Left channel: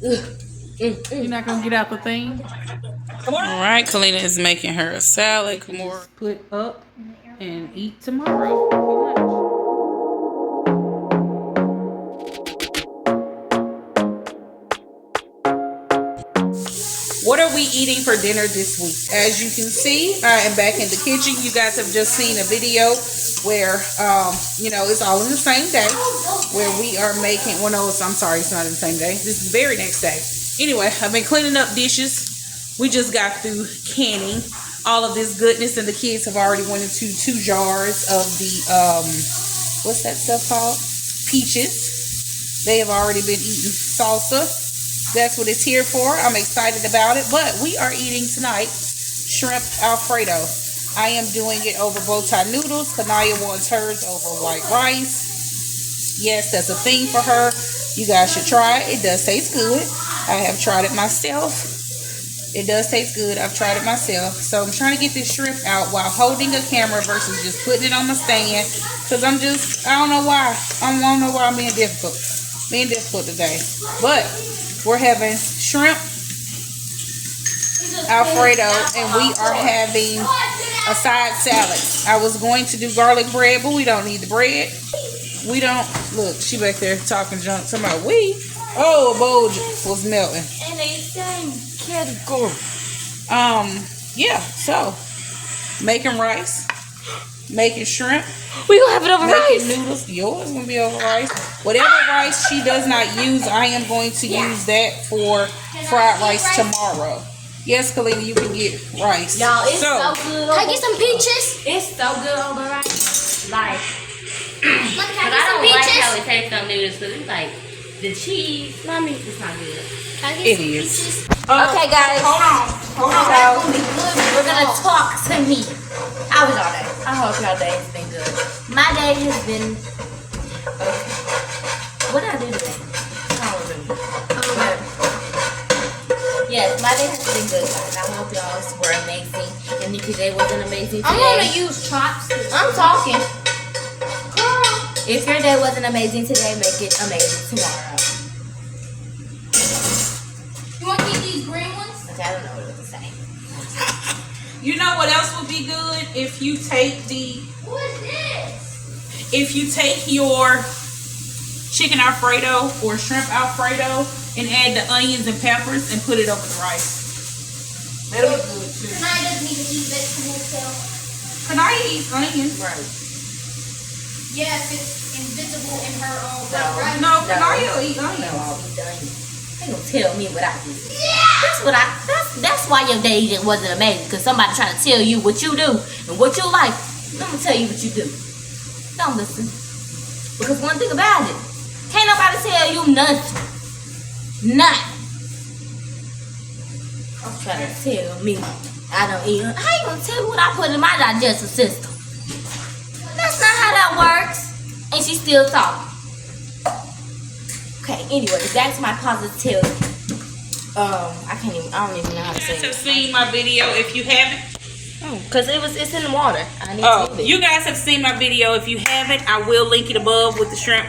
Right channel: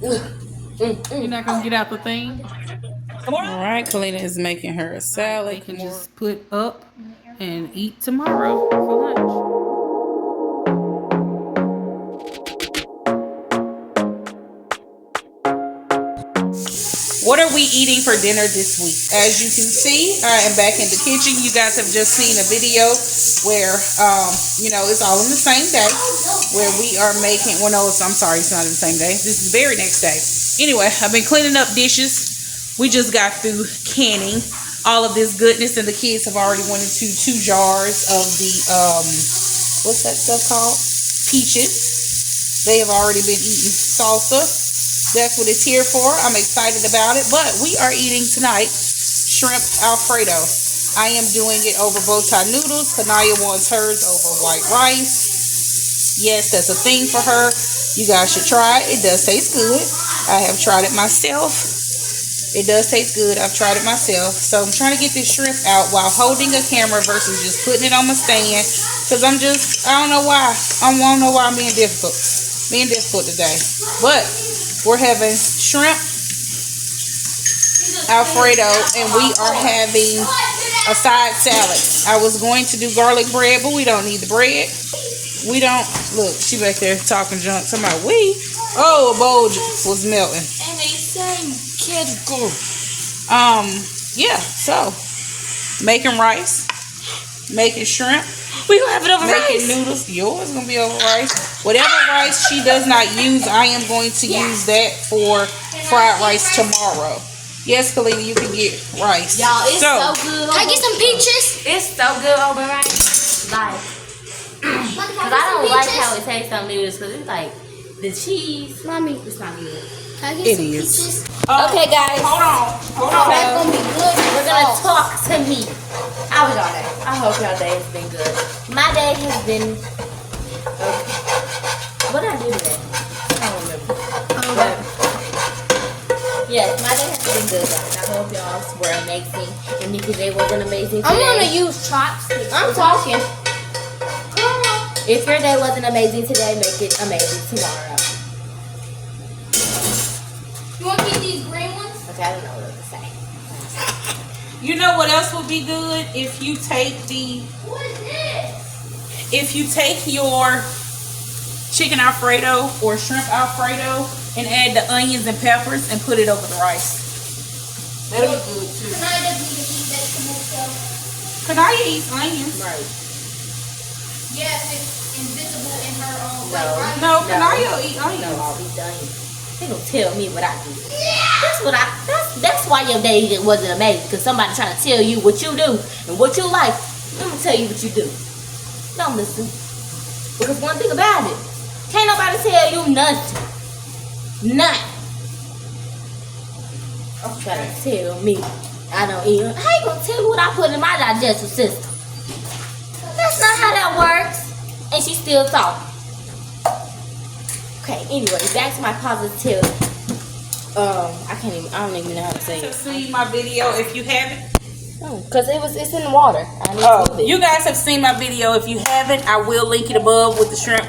You're not gonna get out the thing? All right, Kalina is making her a salad. They can just put up and eat tomorrow for lunch. What are we eating for dinner this week? As you can see, I am back in the kitchen. You guys have just seen a video where, it's all in the same day where we are making, well, no, I'm sorry, it's not in the same day. This is the very next day. Anyway, I've been cleaning up dishes. We just got through canning all of this goodness, and the kids have already went into 2 jars of the, what's that stuff called? Peaches. They have already been eating salsa. That's what it's here for. I'm excited about it. But we are eating tonight shrimp alfredo. I am doing it over bow tie noodles. Kanaya wants hers over white rice. Yes, that's a thing for her. You guys should try it. It does taste good. I have tried it myself. It does taste good. I've tried it myself. So I'm trying to get this shrimp out while holding a camera versus just putting it on my stand. Because I don't know why. I don't know why I'm being difficult. Being difficult today. But we're having shrimp alfredo, and we are having a side salad. I was going to do garlic bread, but we don't need the bread. We don't. Look, she back there talking junk. Somebody, a bowl was melting. And they say category. Yeah, so making rice, making shrimp. We gonna have it over making rice. Noodles. Yours gonna be over rice. Whatever rice she does not use, I am going to use that for fried rice tomorrow. Yes, Kalina, you can get rice. Y'all, it's so good. Can I get some peaches? It's so good over rice. Like, cause I don't like how it tastes on noodles, cause it's like the cheese. Mommy, it's not good. Can I get It some is. peaches? Okay, guys. Hold on. That's gonna be good. We're gonna talk to me. How was y'all day? I hope y'all day has been good. My day has been okay. What did I do today? I don't remember. But yes, my day has been good, guys. I hope y'all were amazing. And if your day wasn't amazing today, I'm gonna use chopsticks. I'm talking. If your day wasn't amazing today, make it amazing tomorrow. You want to eat these green ones? Okay, I don't know what to say. You know what else would be good if you take What is this? if you take your chicken alfredo or shrimp alfredo and add the onions and peppers and put it over the rice. That'll be good too. Kanaya doesn't even eat vegetables, so. Kanaya eats onions. Right. Yes, it's invisible in her own No. right? No, Kanaya will eat onions. No, I'll be done. They don't tell me what I do. That's why your day wasn't amazing, because somebody trying to tell you what you do and what you like. I'm gonna tell you what you do. Don't listen. Because one thing about it, can't nobody tell you nothing. Nothing. I'm trying to tell me I don't eat. How you gonna tell me what I put in my digestive system? That's not how that works. And she still talking. Okay, anyways, that's my positive. I don't even know how to say You guys have it. seen my video. If you haven't, Cause it's in the water. you guys have seen my video. If you haven't, I will link it above with the shrimp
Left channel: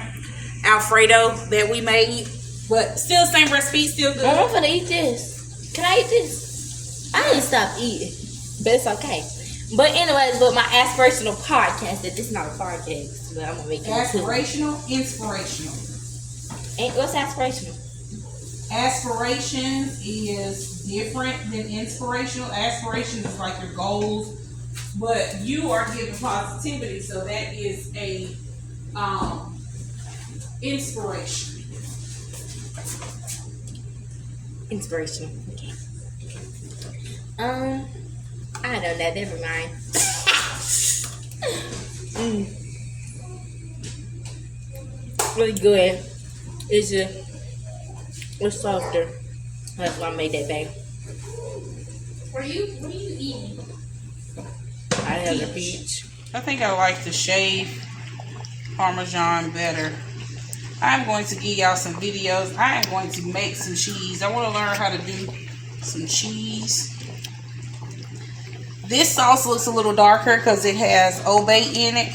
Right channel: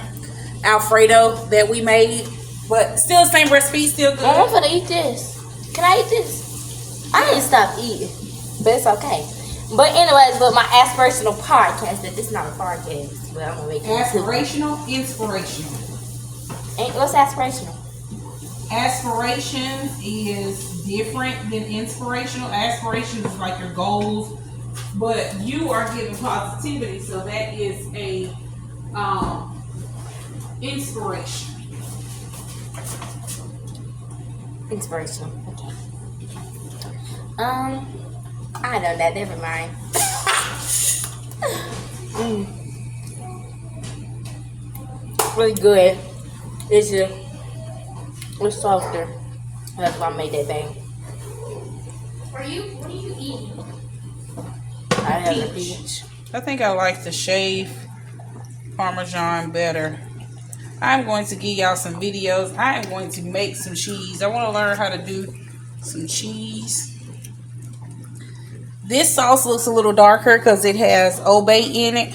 alfredo that we made. But still the same recipe, still good. I'm gonna eat this. Can I eat this? I didn't stop eating, but it's okay. But anyways, my aspirational podcast. That this is not a podcast, but I'm gonna make it into. Aspirational, inspirational. What's aspirational? Aspirations is different than inspirational. Aspirations is like your goals, but you are giving positivity, so that is a inspiration. Inspirational. Okay. I know that. Never mind. Really good. It's softer. That's why I made that thing. What are you eating? I had a beach. I think I like the shaved Parmesan better. I'm going to give y'all some videos. I am going to make some cheese. I want to learn how to do some cheese. This sauce looks a little darker because it has Old Bay in it.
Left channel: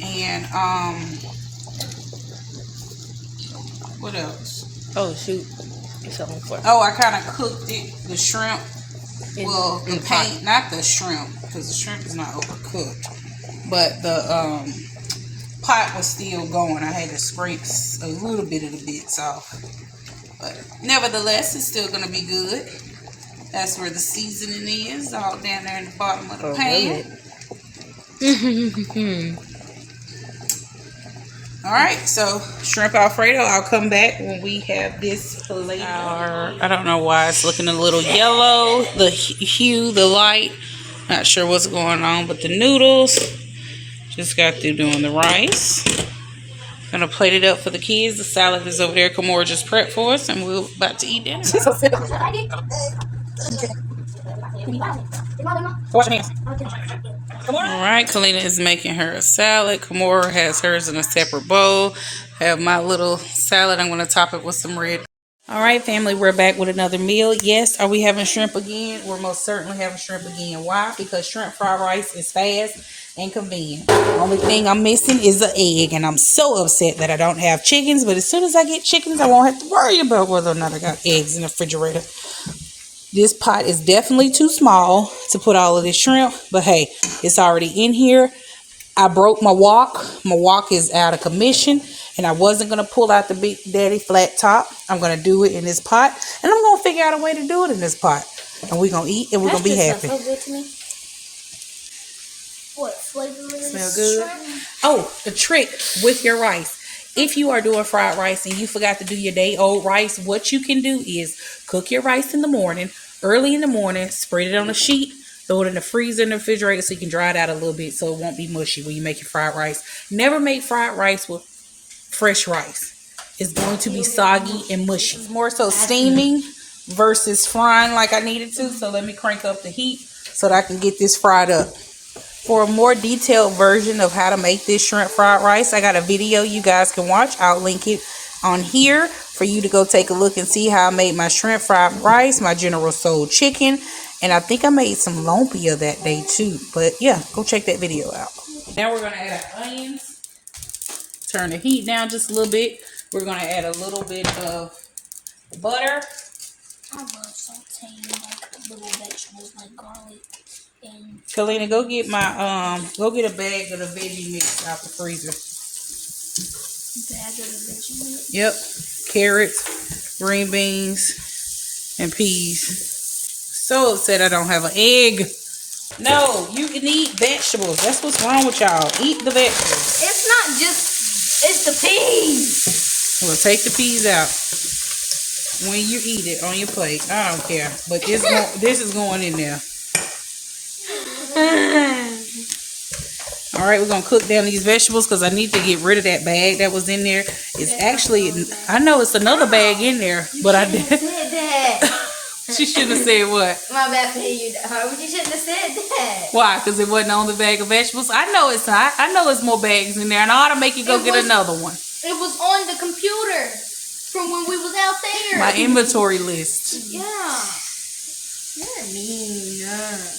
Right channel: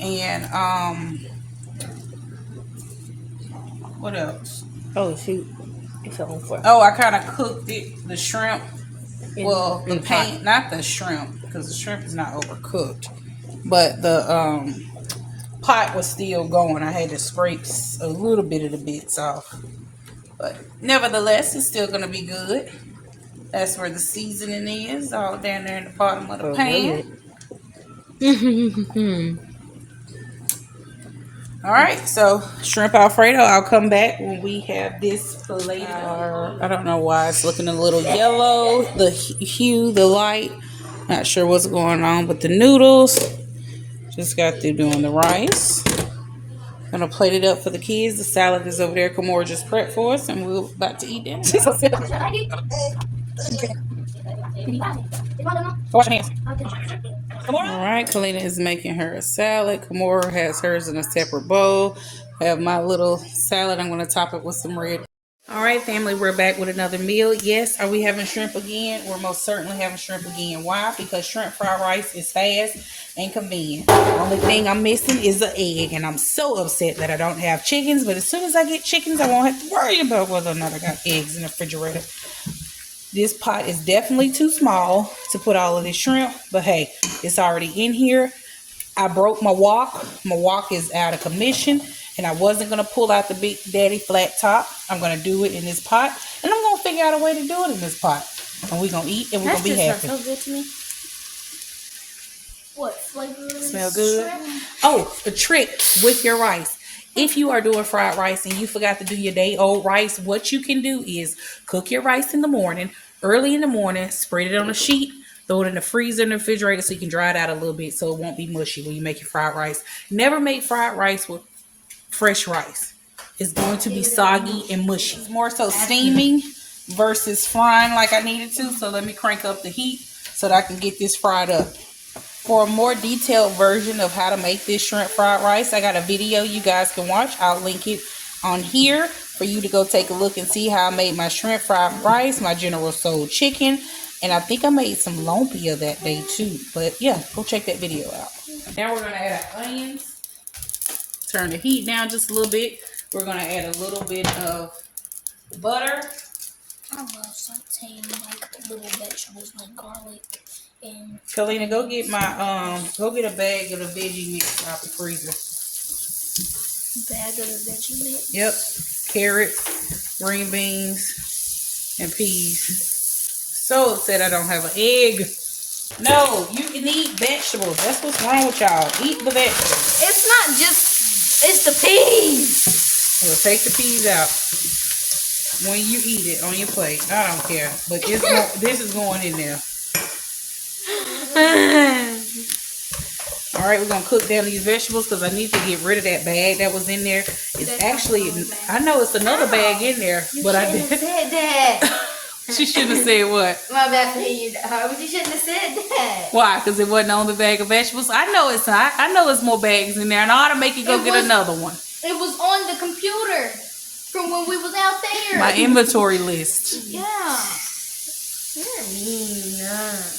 And What else? Oh shoot, it's on fire. Oh, I kind of cooked it, the shrimp. Well, the in paint, not the shrimp, because the shrimp is not overcooked. But the pot was still going. I had to scrape a little bit of the bits off. But nevertheless, it's still going to be good. That's where the seasoning is, all down there in the bottom of the pan. All right, so shrimp alfredo. I'll come back when we have this plated. I don't know why it's looking a little yellow. The hue, the light. Not sure what's going on, but the noodles. Just got through doing the rice. Gonna plate it up for the kids. The salad is over there. Kamora just prepped for us, and we're about to eat it. Wash your hands. Alright, Kalina is making her a salad. Kamora has hers in a separate bowl. I have my little salad. I'm going to top it with some red. Alright, family, we're back with another meal. Yes, are we having shrimp again? We're most certainly having shrimp again. Why? Because shrimp fried rice is fast and convenient. The only thing I'm missing is an egg, and I'm so upset that I don't have chickens. But as soon as I get chickens, I won't have to worry about whether or not I got eggs in the refrigerator. This pot is definitely too small to put all of this shrimp, but hey, it's already in here. I broke my wok. My wok is out of commission, and I wasn't going to pull out the Big Daddy flat top. I'm going to do it in this pot, and I'm going to figure out a way to do it in this pot. And we're going to eat, and we're going to be happy. So good to me. What flavor is Smell good? shrimp? Oh, a trick with your rice. If you are doing fried rice and you forgot to do your day-old rice, what you can do is cook your rice in the morning, early in the morning, spread it on a sheet, throw it in the freezer in the refrigerator so you can dry it out a little bit so it won't be mushy when you make your fried rice. Never make fried rice with fresh rice. It's going to be soggy and mushy. It's more so steaming versus frying like I needed to, so let me crank up the heat so that I can get this fried up. For a more detailed version of how to make this shrimp fried rice, I got a video you guys can watch. I'll link it on here for you to go take a look and see how I made my shrimp fried rice, my General Tso's chicken, and I think I made some lumpia that day too. But yeah, go check that video out. Now we're going to add onions. Turn the heat down just a little bit. We're going to add a little bit of butter. I love sauteing like little vegetables like garlic and Kalina, go get my go get a bag of the veggie mix out the freezer. bag of the veggie mix. Yep, carrots, green beans, and peas. So upset I don't have an egg. No, you can eat vegetables. That's what's wrong with y'all. Eat the vegetables. It's not just, it's the peas. Well, take the peas out when you eat it on your plate. I don't care, but this is going in there. All right, we're gonna cook down these vegetables because I need to get rid of that bag that was in there. It's actually, I know it's another bag in there, but I did. Said that. She should have said what? My bad for you. But you shouldn't have said that. Why? Because it wasn't on the bag of vegetables. I know it's not. I know it's more bags in there, and I ought to make you go get another one. It was on the computer from when we was out there. My inventory list. Yeah. You're mean.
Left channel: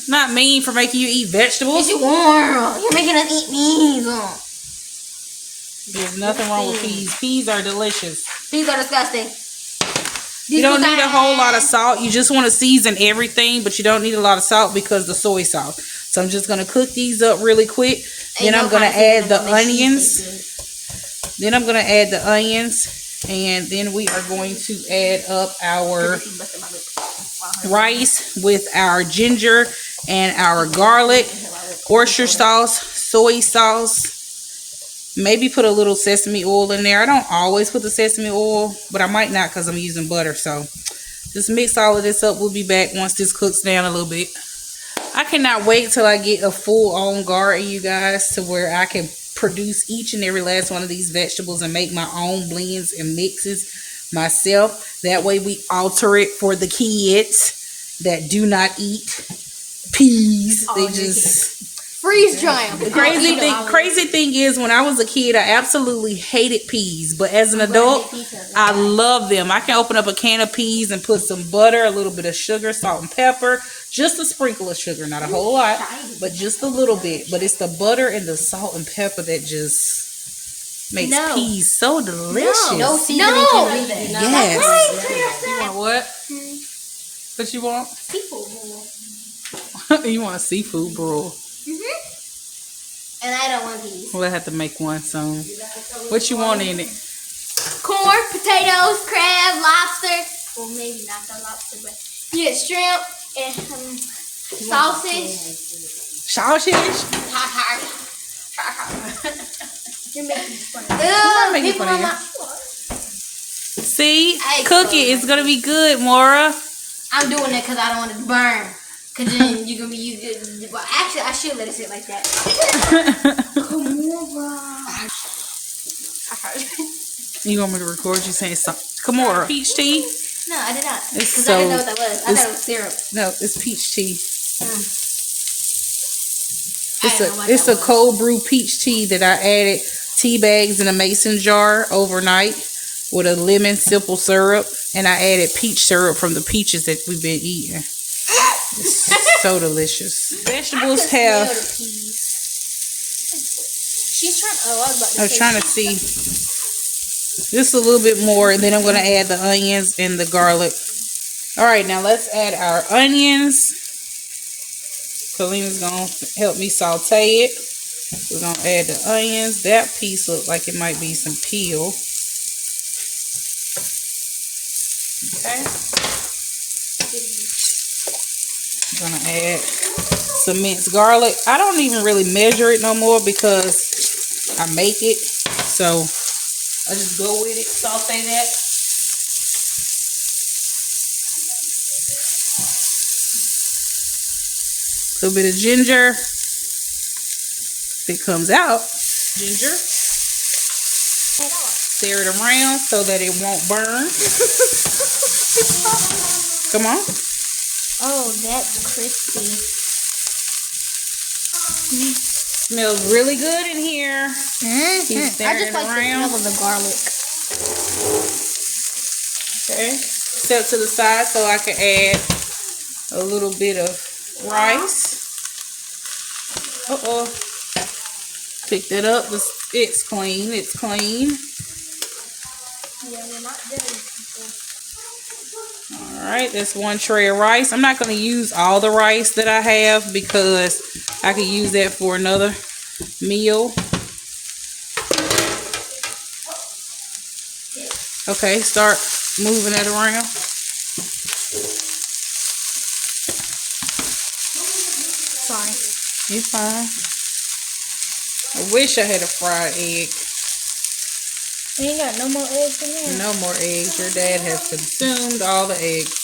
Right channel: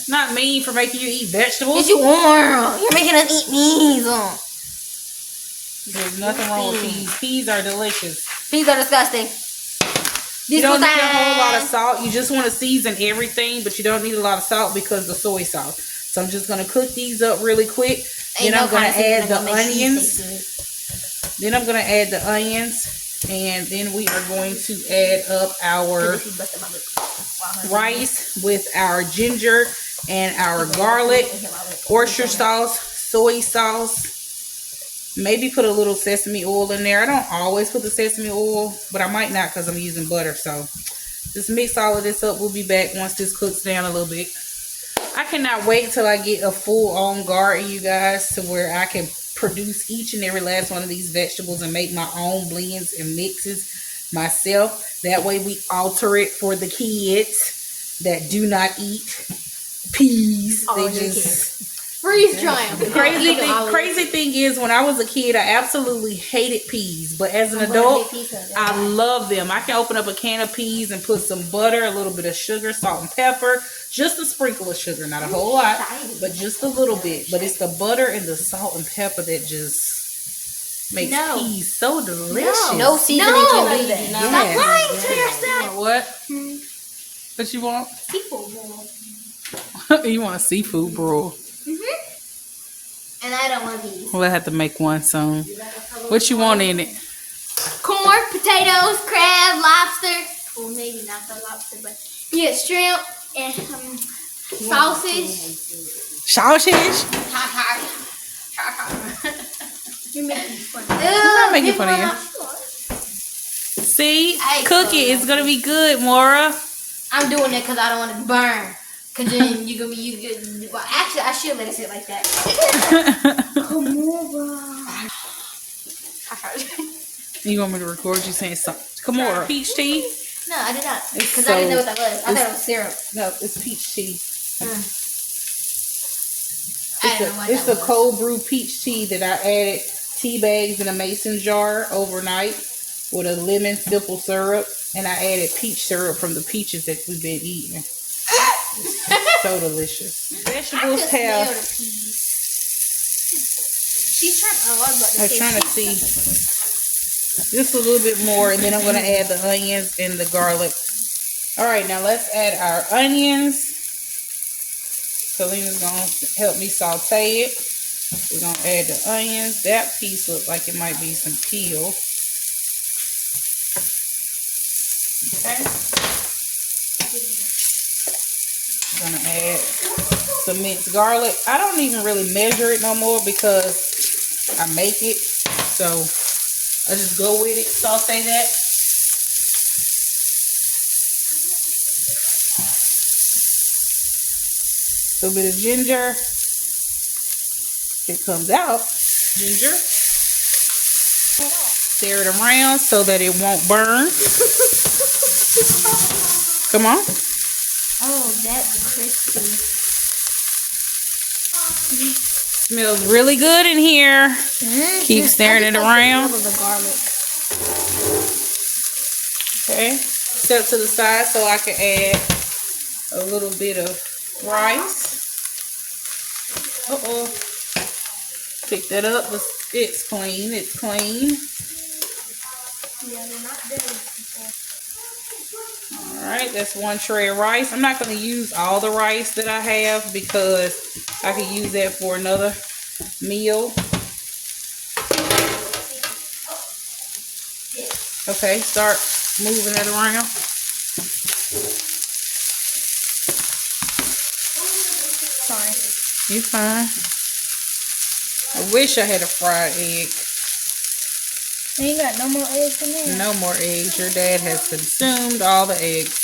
Not mean for making you eat vegetables. You are. You're making us eat meat. There's nothing wrong with peas. Peas are delicious. Peas are disgusting. You don't need a whole lot of salt. You just want to season everything, but you don't need a lot of salt because the soy sauce. So I'm just going to cook these up really quick. Then I'm going to add the onions. And then we are going to add up our rice with our ginger and our garlic, oyster sauce, soy sauce. Maybe put a little sesame oil in there. I don't always put the sesame oil, but I might not because I'm using butter. So just mix all of this up. We'll be back once this cooks down a little bit. I cannot wait till I get a full-on garden, you guys, to where I can produce each and every last one of these vegetables and make my own blends and mixes myself. That way we alter it for the kids that do not eat peas. They just... Freeze dry them. The crazy thing is, when I was a kid, I absolutely hated peas. But as an adult, I love them. I can open up a can of peas and put some butter, a little bit of sugar, salt and pepper, just a sprinkle of sugar, not a whole lot, but just a little bit. But it's the butter and the salt and pepper that just makes No. peas so delicious. No seasoning can do that. Yes. You want what? What you want? Seafood bowl. You want seafood broil. And I don't want these. We'll have to make one soon. What you want in it? Corn, potatoes, crab, lobster. Well, maybe not the lobster, but yeah, shrimp and sausage. Sausage? You're making fun. I'm making fun of you. See? Cookie, it's going to be good, Mora. I'm doing it because I don't want to burn. Because then you're going to be good. Well, actually, I should let it sit like that. Come on, bro. You want me to record you saying something? Come on, peach tea? No, I did not. It's Because I didn't know what that was. I thought it was syrup. No, it's peach tea. I didn't know what It's that a was. cold brew peach tea that I added tea bags in a mason jar overnight with a lemon simple syrup, and I added peach syrup from the peaches that we've been eating. It's so delicious. Vegetables have. She's trying. Oh, I was about to I was say trying to see just a little bit more, and then I'm going to add the onions and the garlic. All right, now let's add our onions. Kalina's going to help me saute it. We're going to add the onions. That piece looks like it might be some peel. Okay. I'm going to add some minced garlic. I don't even really measure it no more because I make it. So I just go with it, saute that. A little bit of ginger. If it comes out, ginger. Stir it around so that it won't burn. Come on. Oh, that's crispy. Smells really good in here. Keep stirring it around. The garlic. Okay. Step to the side so I can add a little bit of rice. Uh-oh. Pick that up. It's clean. It's clean. Yeah, they're not dirty. Alright, that's one tray of rice. I'm not going to use all the rice that I have because I could use that for another meal. Okay, start moving it around. Sorry. You fine. I wish I had a fried egg. You ain't got no more eggs in there? No more eggs. Your dad has consumed all the eggs.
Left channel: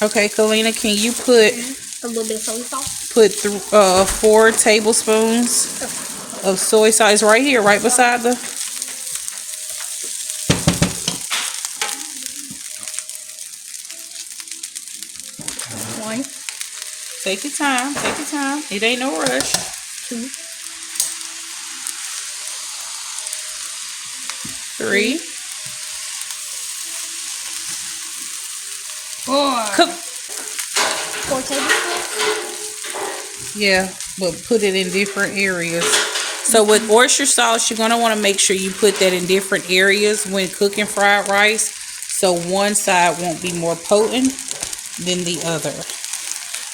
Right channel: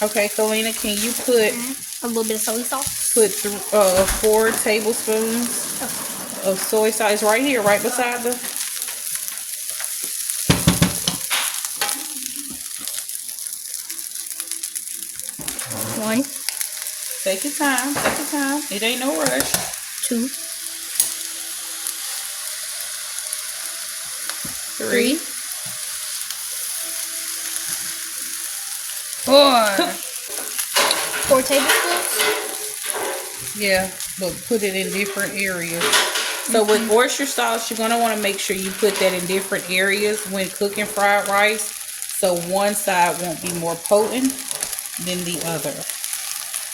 Okay, Kalina, can you put A little bit of soy sauce. 4 tablespoons of soy sauce? It's right here, right beside the. One, Take your time. Take your time. It ain't no rush. 2, 3. 4 tablespoons. Yeah, but put it in different areas. So with oyster sauce, you're going to want to make sure you put that in different areas when cooking fried rice. So one side won't be more potent than the other.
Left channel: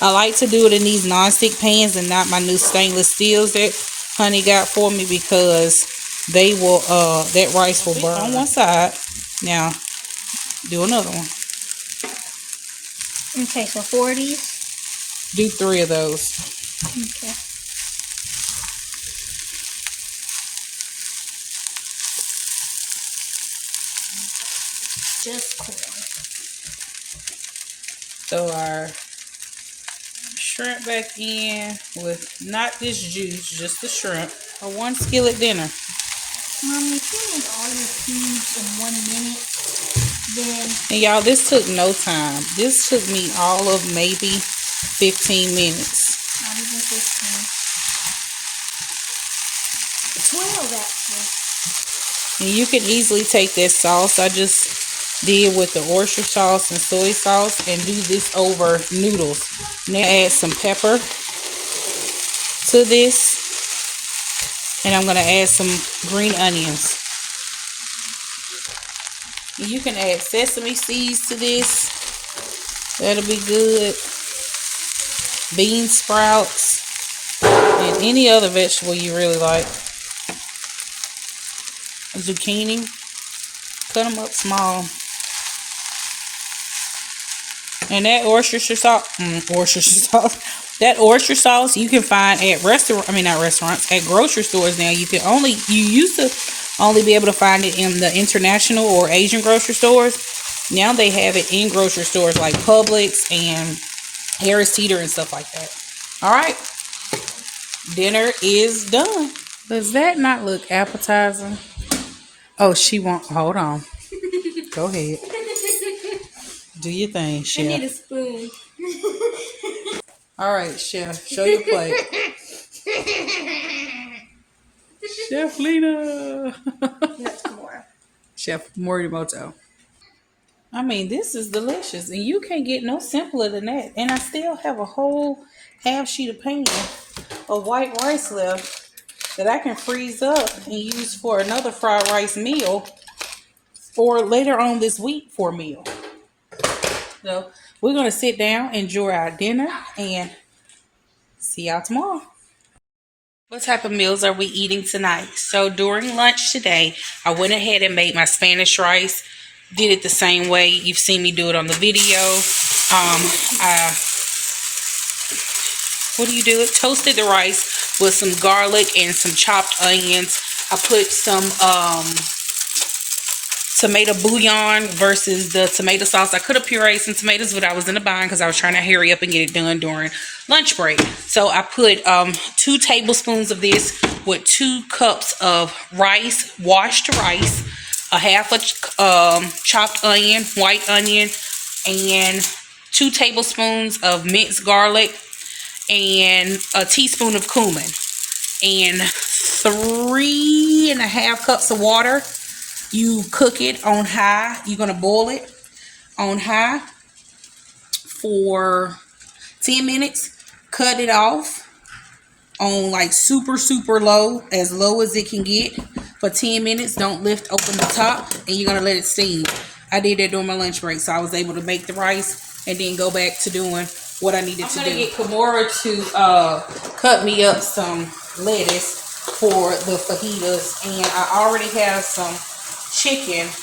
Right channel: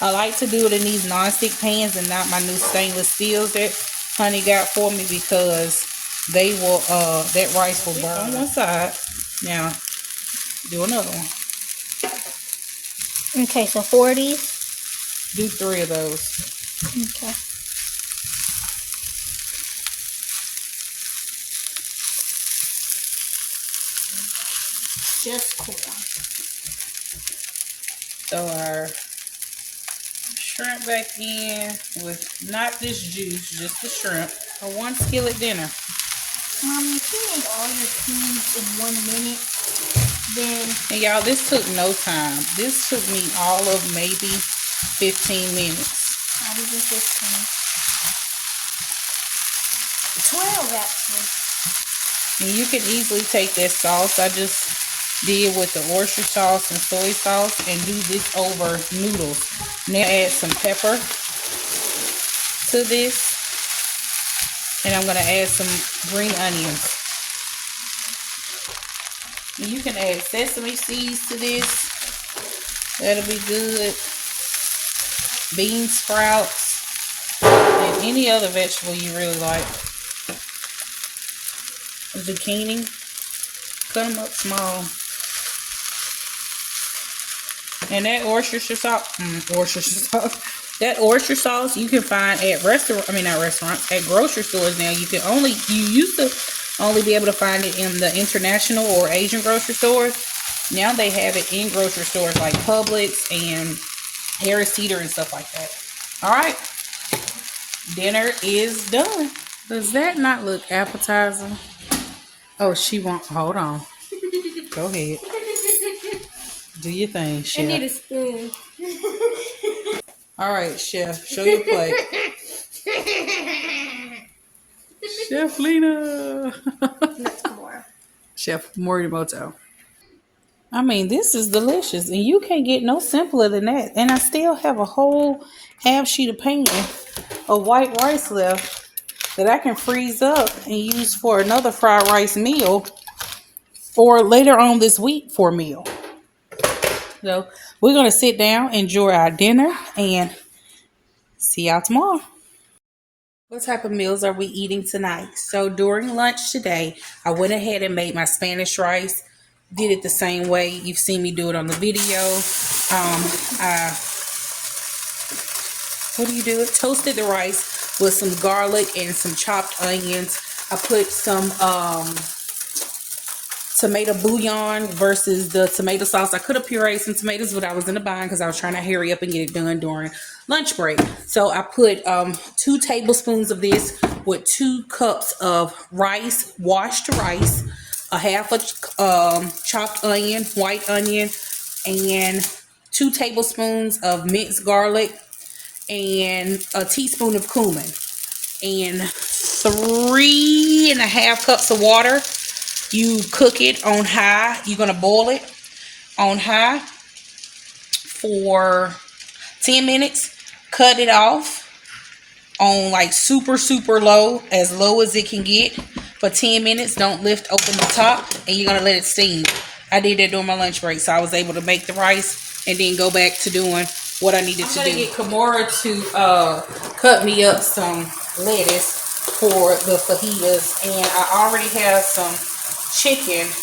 I like to do it in these nonstick pans and not my new stainless steels that honey got for me because they will, that rice will burn on one side. Now, do another one. Okay, so 4 of these. Do 3 of those. Okay. Just corn. Throw our shrimp back in with not this juice, just the shrimp. A 1 skillet dinner. Mom, if you make all your foods in 1 minute, then And y'all, this took no time. This took me all of maybe 15 minutes. not even 15. 12 actually. And you can easily take this sauce I just did with the oyster sauce and soy sauce and do this over noodles. Now add some pepper, to this. And I'm going to add some green onions. You can add sesame seeds to this. That'll be good. Bean sprouts. And any other vegetable you really like. Zucchini. Cut them up small. And that oyster sauce, that oyster sauce you can find at at grocery stores now. You used to only be able to find it in the international or Asian grocery stores. Now they have it in grocery stores like Publix and Harris Teeter and stuff like that. All right, dinner is done. Does that not look appetizing? Oh, she won't. Hold on. Go ahead. Do your thing, Chef. I need a spoon. All right, Chef. Show your plate. Chef Lena. That's more. Chef Morimoto. I mean, this is delicious. And you can't get no simpler than that. And I still have a whole half sheet of pan of white rice left that I can freeze up and use for another fried rice meal or later on this week for a meal. So we're going to sit down, enjoy our dinner, and see y'all tomorrow. What type of meals are we eating tonight? So during lunch today, I went ahead and made my Spanish rice. Did it the same way you've seen me do it on the video. Toasted the rice with some garlic and some chopped onions. I put some tomato bouillon versus the tomato sauce. I could have pureed some tomatoes, but I was in a bind because I was trying to hurry up and get it done during lunch break. So I put 2 tablespoons of this with 2 cups of rice, washed rice, a half a chopped onion, white onion, and 2 tablespoons of minced garlic, and a teaspoon of cumin, and 3.5 cups of water. You cook it on high. You're going to boil it on high for 10 minutes. Cut it off on like super low, as low as it can get for 10 minutes. Don't lift open the top, and you're going to let it steam. I did that during my lunch break, so I was able to make the rice and then go back to doing what I needed to do. I'm going to get Kimura to cut me up some lettuce for the fajitas, and I already have some cheese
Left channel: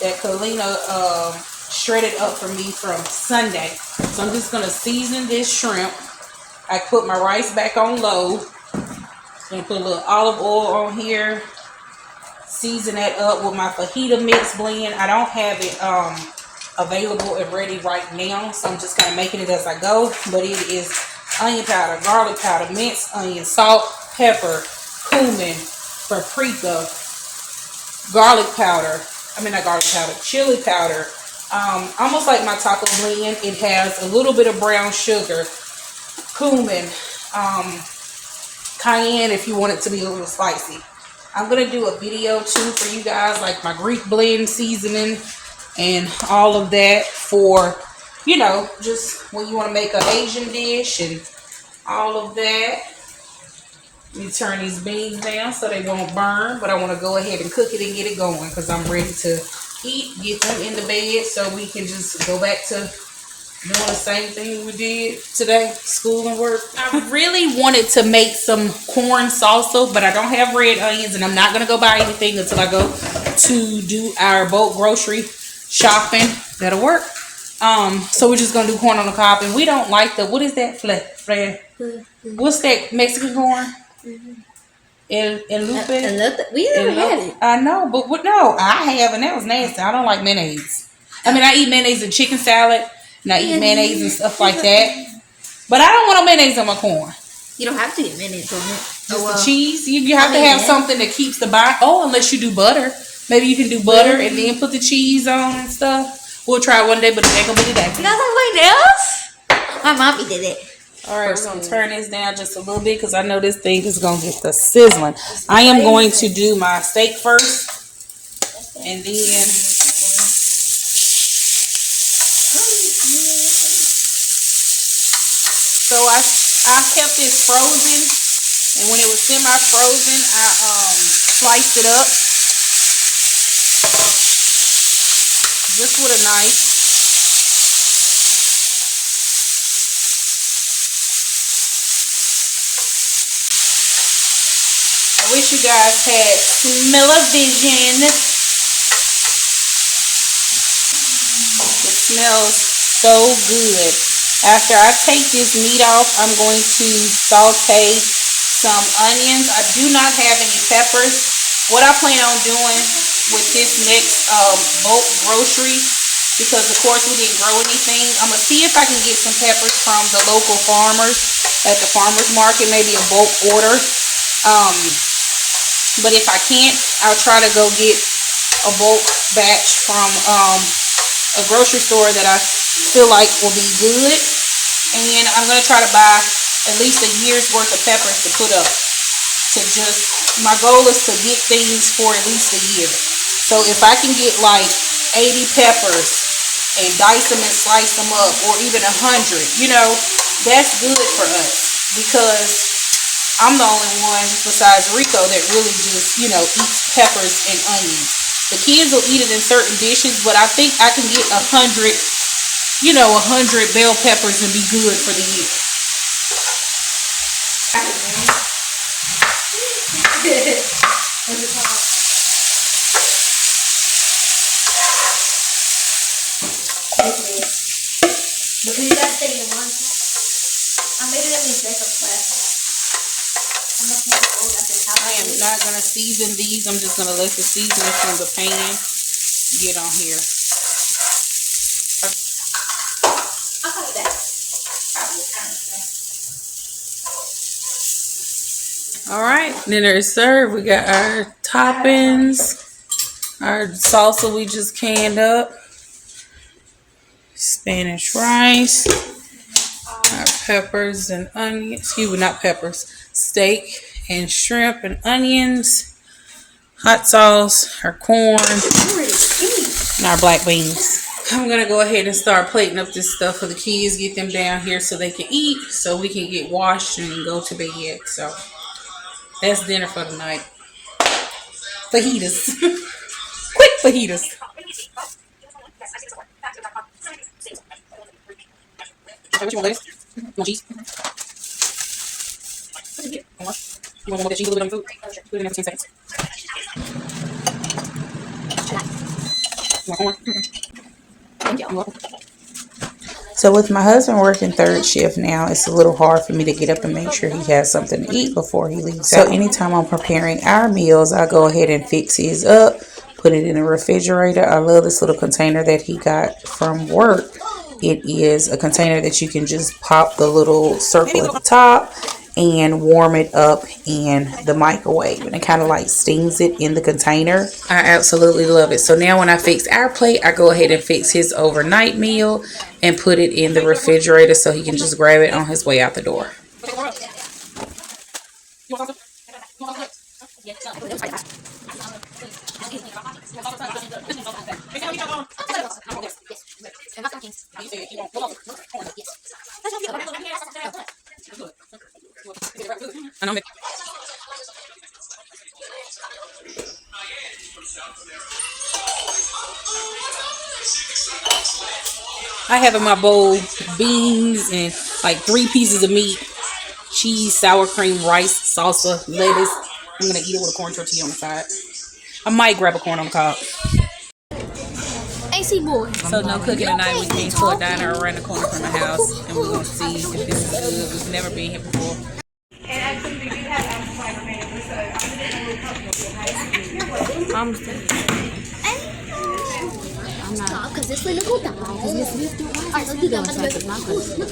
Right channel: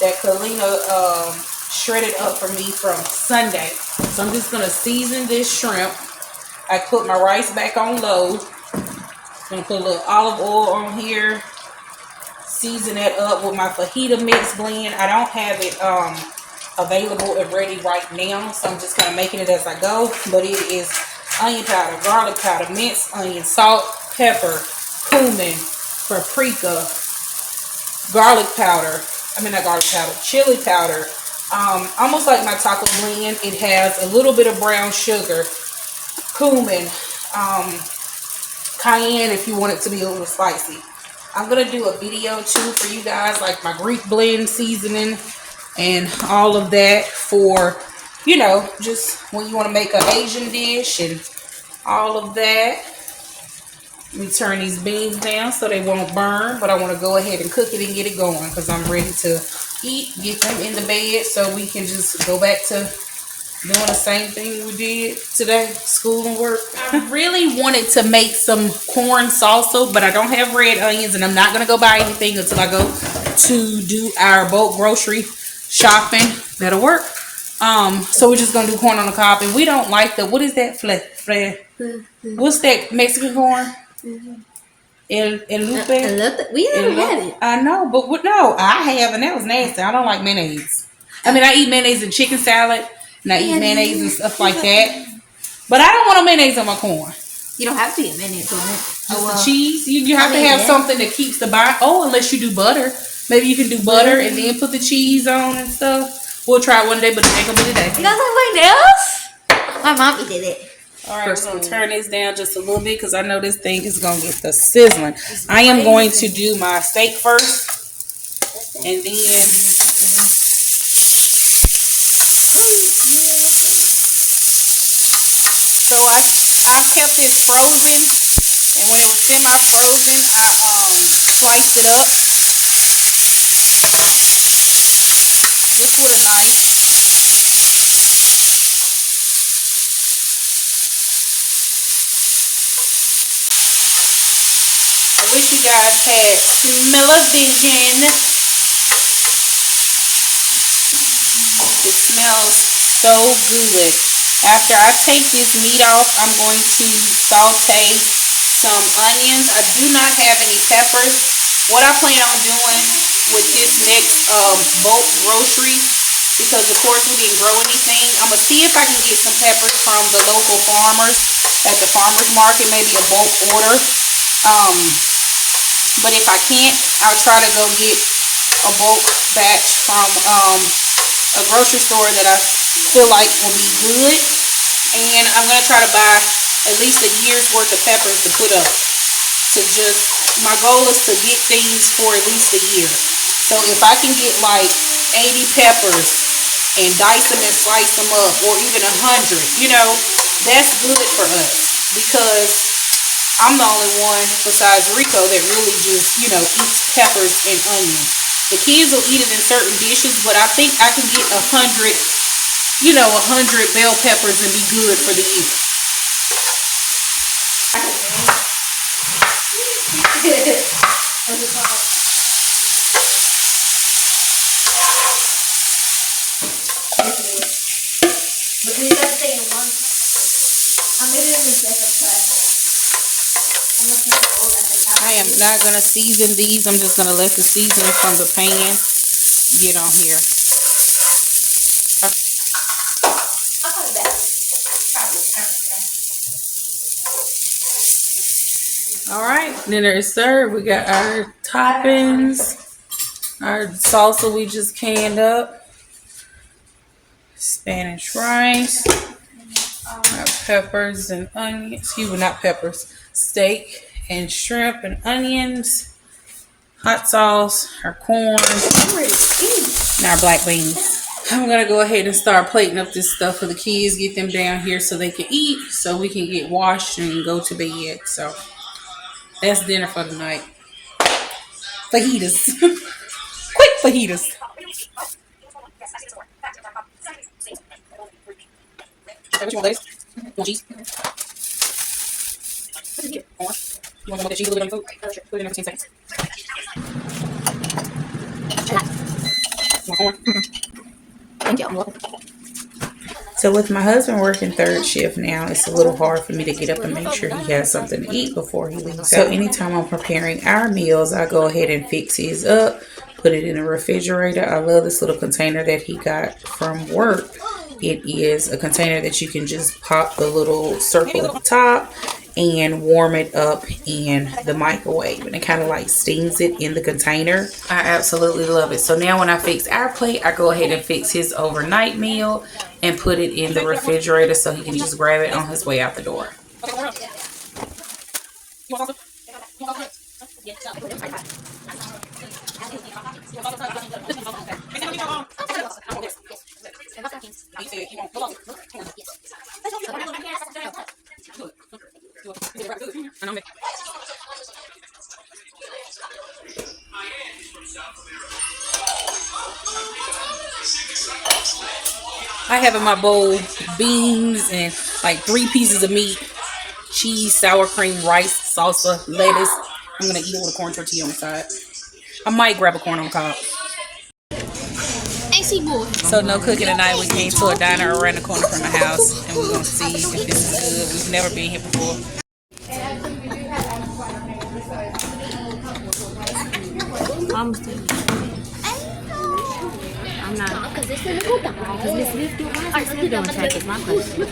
that Kalina shredded up for me from Sunday. So I'm just going to season this shrimp. I put my rice back on low. Gonna put a little olive oil on here. Season that up with my fajita mix blend. I don't have it available and ready right now, so I'm just kind of making it as I go. But it is onion powder, garlic powder, minced onion, salt, pepper, cumin, paprika, chili powder. Almost like my taco blend. It has a little bit of brown sugar, cumin, cayenne if you want it to be a little spicy. I'm going to do a video too for you guys, like my Greek blend seasoning and all of that for, you know, just when you want to make an Asian dish and all of that. Let me turn these beans down so they won't burn, but I want to go ahead and cook it and get it going because I'm ready to eat, get them in the bed so we can just go back to doing the same thing we did today, school and work. I really wanted to make some corn salsa, but I don't have red onions, and I'm not going to go buy anything until I go to do our bulk grocery shopping. That'll work. So we're just going to do corn on the cob, and we don't like the, what is that? What's that Mexican corn? El Lupe? We never had it. I know, but no, I have, and that was nasty. I don't like mayonnaise. I mean, I eat mayonnaise in chicken salad, and I eat mayonnaise and stuff like that. But I don't want no mayonnaise on my corn. You don't have to get mayonnaise on it. Just the cheese. You have to have something that keeps the bite. Oh, unless you do butter. Maybe you can do butter and then put the cheese on and stuff. We'll try one day, but it ain't gonna be today. Nothing else? My mommy did it. All right, we're going to turn this down just a little bit because I know this thing is going to get the sizzling. I am going to do my steak first. And then... kept this frozen, and when it was semi-frozen, I sliced it up just with a knife. I wish you guys had smell-o-vision. It smells so good. After I take this meat off, I'm going to saute some onions. I do not have any peppers. What I plan on doing with this next bulk grocery, because of course we didn't grow anything, I'm going to see if I can get some peppers from the local farmers at the farmers market, maybe a bulk order. But if I can't, I'll try to go get a bulk batch from a grocery store that I feel like will be good. And I'm going to try to buy at least a year's worth of peppers to put up. My goal is to get things for at least a year. So if I can get like 80 peppers and dice them and slice them up, or even 100, you know, that's good for us, because I'm the only one besides Rico that really just, you know, eats peppers and onions. The kids will eat it in certain dishes, but I think I can get 100, you know, 100 bell peppers and be good for the year. Because you gotta stay in one time. I made it in this different place. I am not going to season these. I'm just going to let the seasoning from the pan get on here. I'll call it that. Probably. All right, dinner is served. We got our toppings, our salsa we just canned up, Spanish rice, our peppers and onions. Excuse me, not peppers. Steak and shrimp and onions, hot sauce, our corn, and our black beans. I'm gonna go ahead and start plating up this stuff for the kids, get them down here so they can eat, so we can get washed and go to bed. So that's dinner for tonight. Fajitas. Quick fajitas. How much you want lettuce? You want cheese? Orange. You want more of the cheese a little bit on your food? Put it in there for 10 seconds. You want orange? Thank you. So with my husband working third shift now, it's a little hard for me to get up and make sure he has something to eat before he leaves. So anytime I'm preparing our meals, I go ahead and fix his up, put it in the refrigerator. I love this little container that he got from work. It is a container that you can just pop the little circle at the top and warm it up in the microwave, and it kind of like steams it in the container. I absolutely love it. So now when I fix our plate, I go ahead and fix his overnight meal and put it in the refrigerator so he can just grab it on his way out the door. I have in my bowl beans and like 3 pieces of meat, cheese, sour cream, rice, salsa, lettuce. I'm gonna eat it with a corn tortilla on the side. I might grab a corn on the cob. AC boy. So no cooking tonight. We came to a diner around the corner from the house, and we're gonna see if this is good. We've never been here before.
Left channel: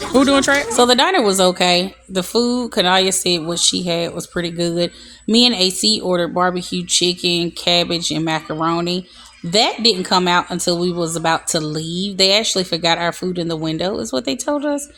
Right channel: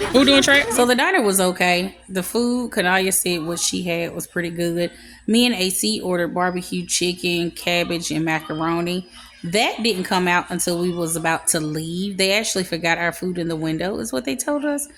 Who doing track? So the diner was okay. The food, Kanaya said what she had was pretty good. Me and AC ordered barbecue chicken, cabbage, and macaroni. That didn't come out until we was about to leave. They actually forgot our food in the window, is what they told us.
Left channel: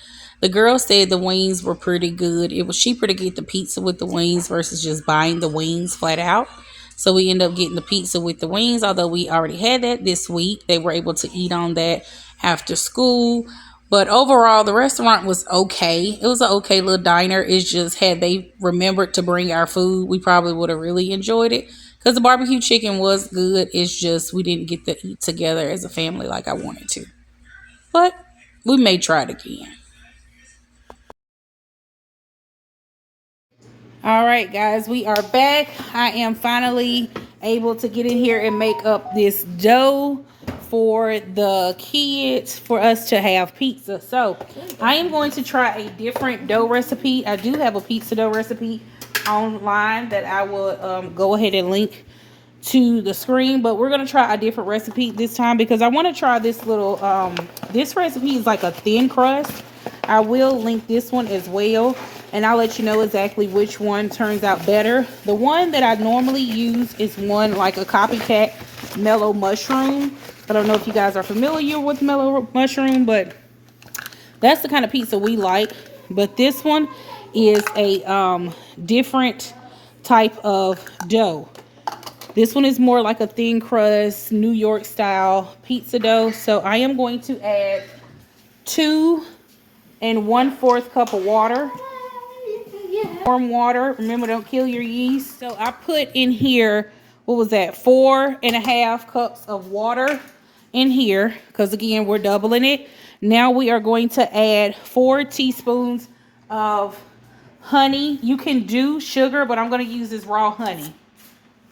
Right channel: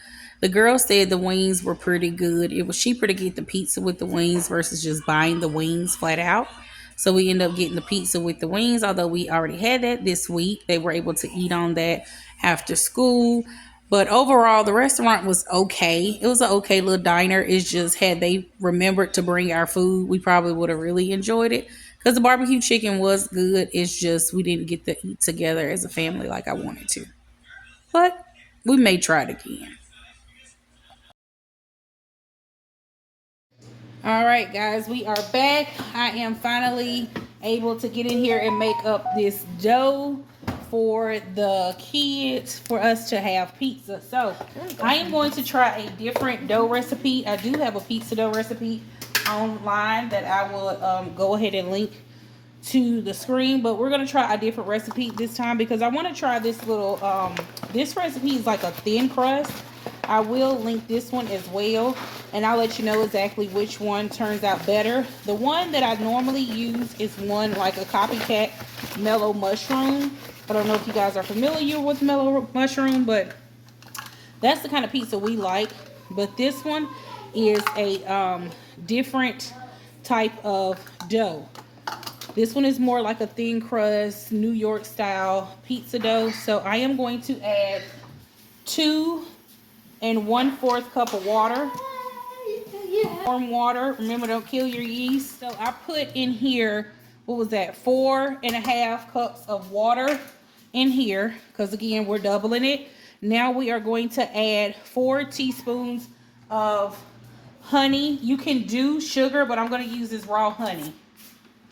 The girl said the wings were pretty good. It was cheaper to get the pizza with the wings versus just buying the wings flat out. So we ended up getting the pizza with the wings, although we already had that this week. They were able to eat on that after school. But overall, the restaurant was okay. It was an okay little diner. It's just had they remembered to bring our food, we probably would have really enjoyed it. Because the barbecue chicken was good. It's just we didn't get to eat together as a family like I wanted to. But we may try it again. All right, guys, we are back. I am finally able to get in here and make up this dough for the kids for us to have pizza. So I am going to try a different dough recipe. I do have a pizza dough recipe online that I will go ahead and link to the screen, but we're going to try a different recipe this time because I want to try this little this recipe is like a thin crust. I will link this one as well, and I'll let you know exactly which one turns out better. The one that I normally use is one like a copycat mellow mushroom. I don't know if you guys are familiar with mellow mushroom, but that's the kind of pizza we like. But this one is a different type of dough. This one is more like a thin crust, New York style pizza dough. So I am going to add 2 1/4 cup of water. Warm water. Remember, don't kill your yeast. So I put in here, what was that? 4 1/2 cups of water in here. Because again, we're doubling it. Now we are going to add 4 teaspoons of honey. You can do sugar, but I'm going to use this raw honey.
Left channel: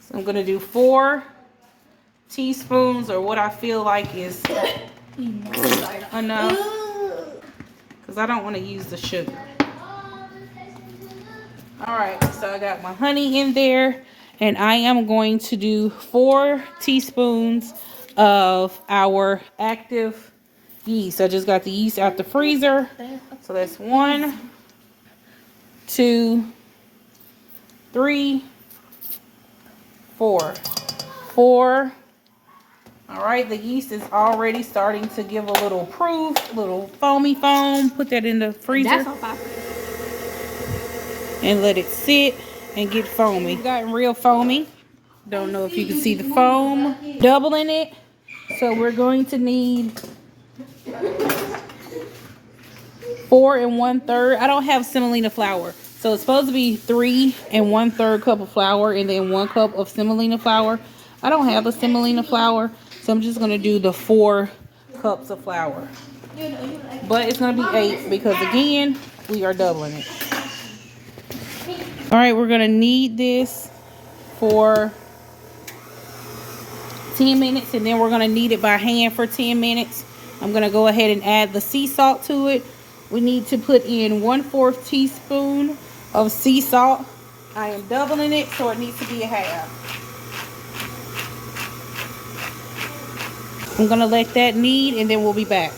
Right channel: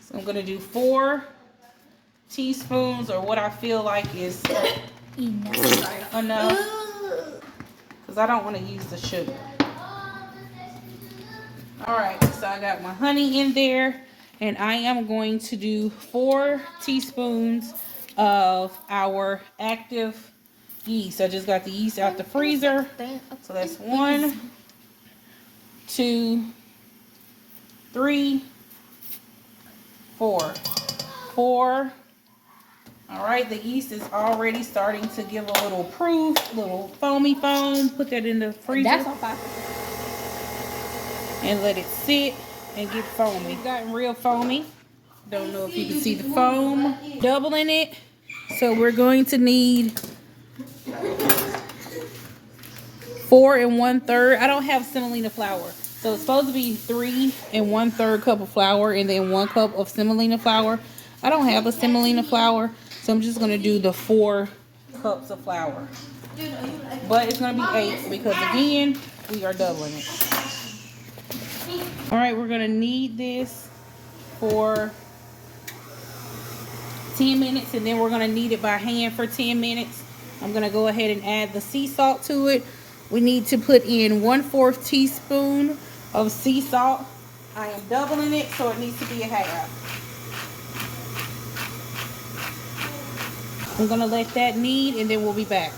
So I'm going to do 4 teaspoons, or what I feel like is enough. Because I don't want to use the sugar. Alright, so I got my honey in there. And I am going to do 4 teaspoons of our active yeast. I just got the yeast out the freezer. So that's 1, 2, 3, 4. 4. All right, the yeast is already starting to give a little proof, little foamy foam. Put that in the freezer. That's on fire. And let it sit and get foamy. It's gotten real foamy. Don't know if you can see the foam. Doubling it. So we're going to need 4 1/3. I don't have semolina flour. So it's supposed to be 3 1/3 cup of flour and then 1 cup of semolina flour. I don't have a semolina flour, so I'm just going to do the 4 cups of flour. But it's going to be 8 because, again, we are doubling it. All right, we're going to knead this for 10 minutes, and then we're going to knead it by hand for 10 minutes. I'm going to go ahead and add the sea salt to it. We need to put in 1/4 teaspoon of sea salt. I am doubling it, so it needs to be a half. I'm going to let that knead, and then we'll be back.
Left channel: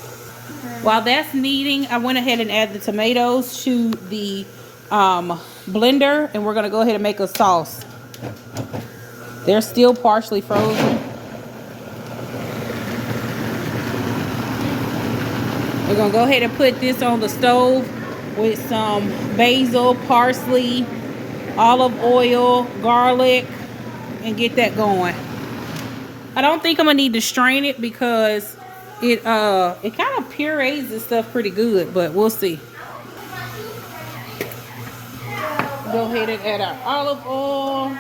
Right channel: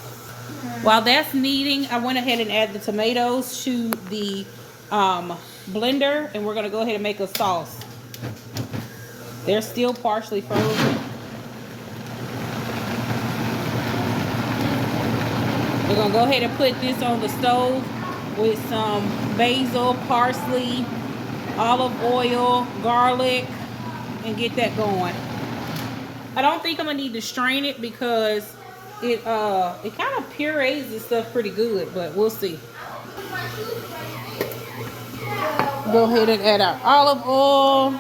While that's kneading, I went ahead and added the tomatoes to the blender, and we're going to go ahead and make a sauce. They're still partially frozen. We're going to go ahead and put this on the stove with some basil, parsley, olive oil, garlic, and get that going. I don't think I'm going to need to strain it because it kind of purees this stuff pretty good, but we'll see. Go ahead and add our olive oil.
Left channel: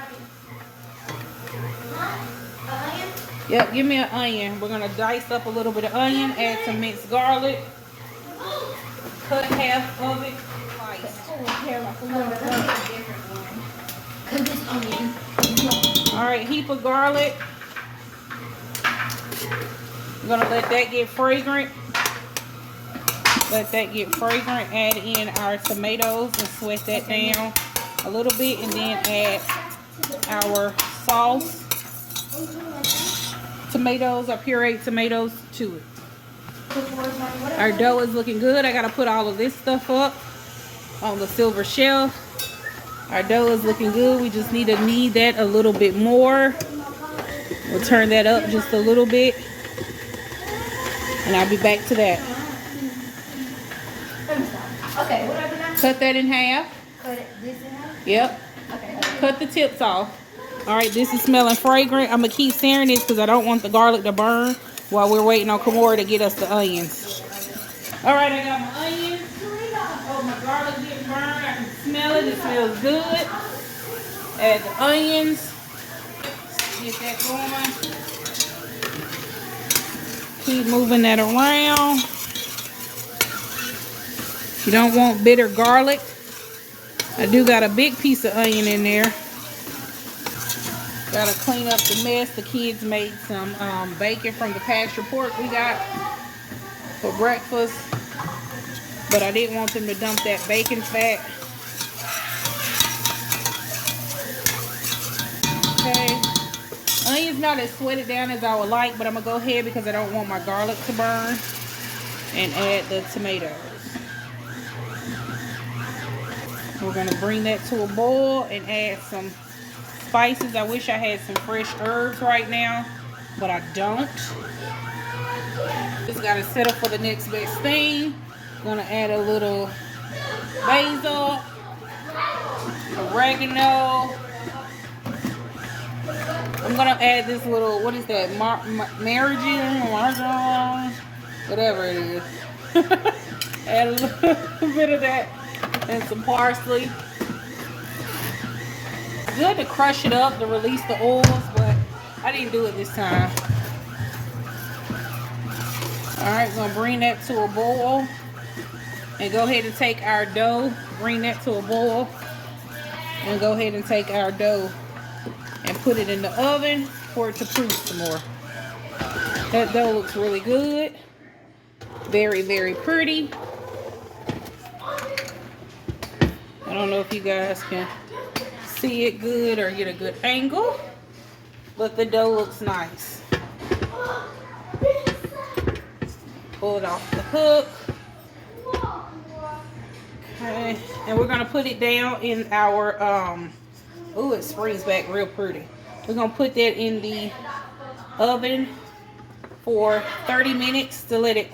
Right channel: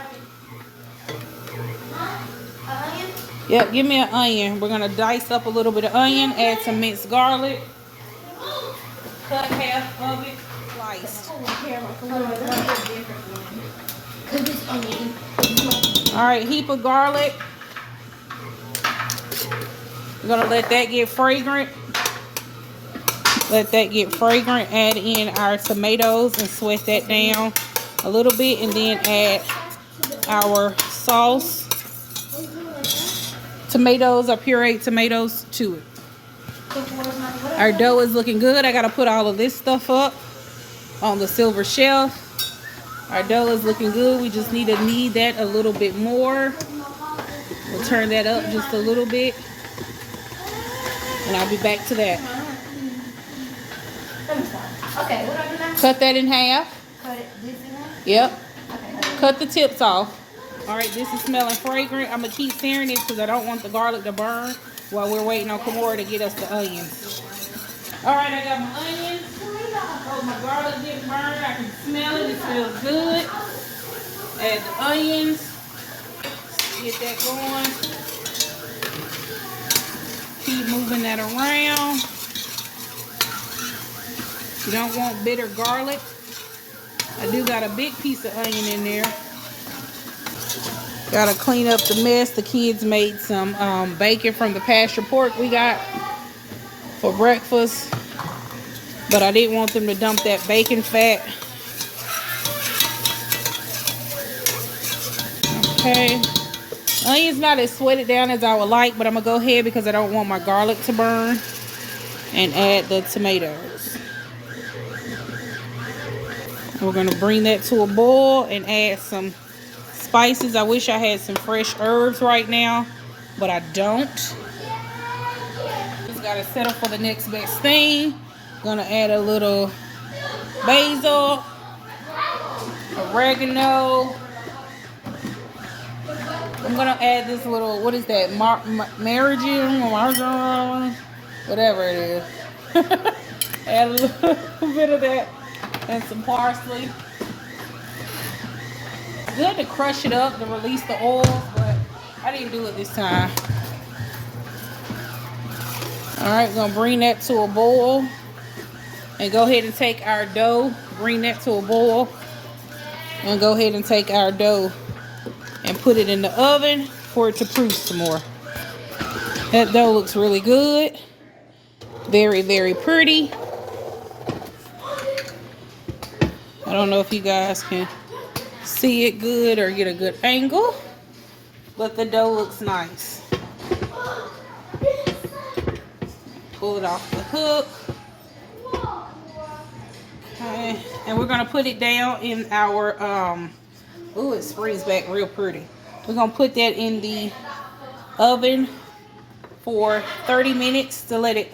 Yep, give me an onion. We're going to dice up a little bit of onion, add some minced garlic. Cut half of it, sliced. Alright, heap of garlic. We're going to let that get fragrant. Let that get fragrant. Add in our tomatoes and sweat that down a little bit. And then add our sauce. Tomatoes, our pureed tomatoes to it. Our dough is looking good. I got to put all of this stuff up on the silver shelf. Our dough is looking good. We just need to knead that a little bit more. We'll turn that up just a little bit. And I'll be back to that. Okay, what do I do now? Cut that in half. Cut this in half? Yep. Okay. Cut the tips off. All right, this is smelling fragrant. I'm going to keep stirring this because I don't want the garlic to burn while we're waiting on Kimora to get us the onions. All right, I got my onions. Oh, my garlic didn't burn. I can smell it. It smells good. Add the onions. Get that going. Keep moving that around. You don't want bitter garlic. I do got a big piece of onion in there. Gotta clean up the mess. The kids made some bacon from the pasture pork we got for breakfast. But I didn't want them to dump that bacon fat. Okay. Onion's not as sweated down as I would like, but I'm gonna go ahead because I don't want my garlic to burn. And add the tomatoes. We're gonna bring that to a boil and add some spices. I wish I had some fresh herbs right now, but I don't. Just gotta settle for the next best thing. Gonna add a little basil, oregano. I'm gonna add this little, what is that, marjoram, whatever it is. Add a little bit of that and some parsley. Good to crush it up to release the oils, but I didn't do it this time. All right, gonna bring that to a boil and go ahead and take our dough. Bring that to a boil and go ahead and take our dough and put it in the oven for it to proof some more. That dough looks really good. Very, very pretty. I don't know if you guys can see it good or get a good angle, but the dough looks nice. Pull it off the hook. Okay, and we're gonna put it down in our ooh, it springs back real pretty. We're gonna put that in the oven for 30 minutes to let it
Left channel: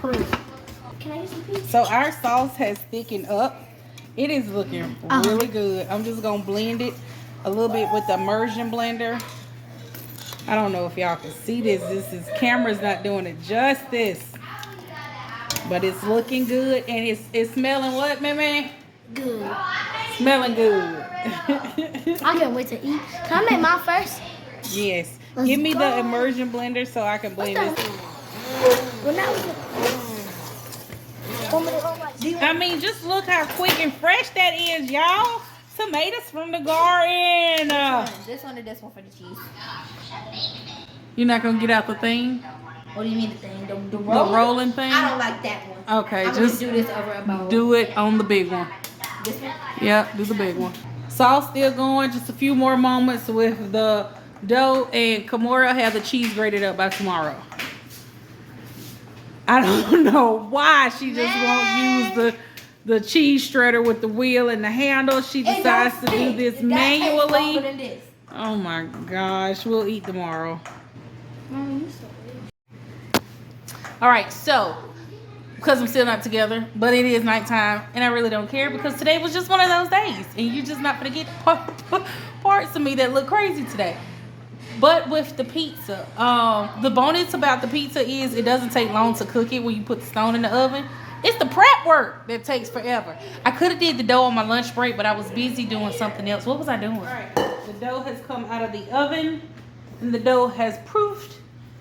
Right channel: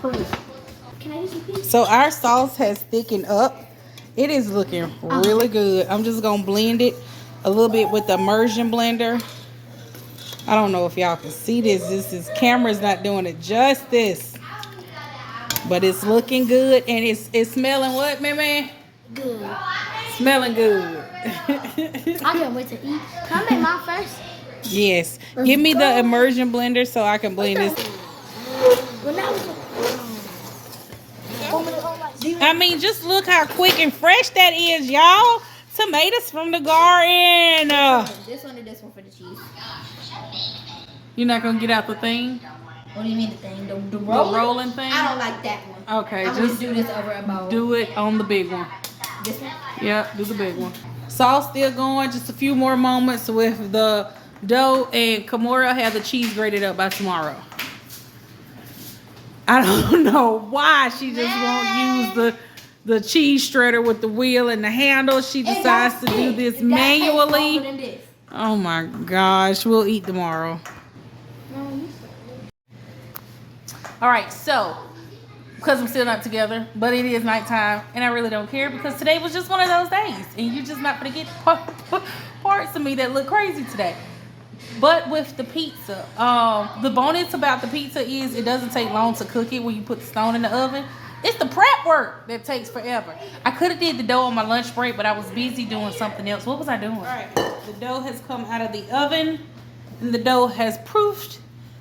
proof. Can I use a piece? So our sauce has thickened up. It is looking really good. I'm just gonna blend it a little bit with the immersion blender. I don't know if y'all can see this. This camera's not doing it justice, but it's looking good and it's smelling what, man? Good. Smelling good. I can't wait to eat. Can I make mine first? Yes. Give me the immersion blender so I can blend this. When I was I mean, just look how quick and fresh that is, y'all. Tomatoes from the garden. This one or this one for the cheese? You're not gonna get out the thing? What do you mean the thing? The The roller? rolling thing? I don't like that one. Okay, I'm just gonna do this over about do it on the big one. this one. Yeah, do the big one. Sauce still going, just a few more moments with the dough, and Kimora will have the cheese grated up by tomorrow. I don't know why she just won't use the cheese shredder with the wheel and the handle. She decides to do this manually. Oh my gosh, we'll eat tomorrow. All right, so because I'm still not together, but it is nighttime, and I really don't care because today was just one of those days, and you're just not gonna get parts of me that look crazy today. But with the pizza, the bonus about the pizza is it doesn't take long to cook it when you put the stone in the oven. It's the prep work that takes forever. I could have did the dough on my lunch break, but I was busy doing something else. What was I doing? All right, the dough has come out of the oven, and the dough has proofed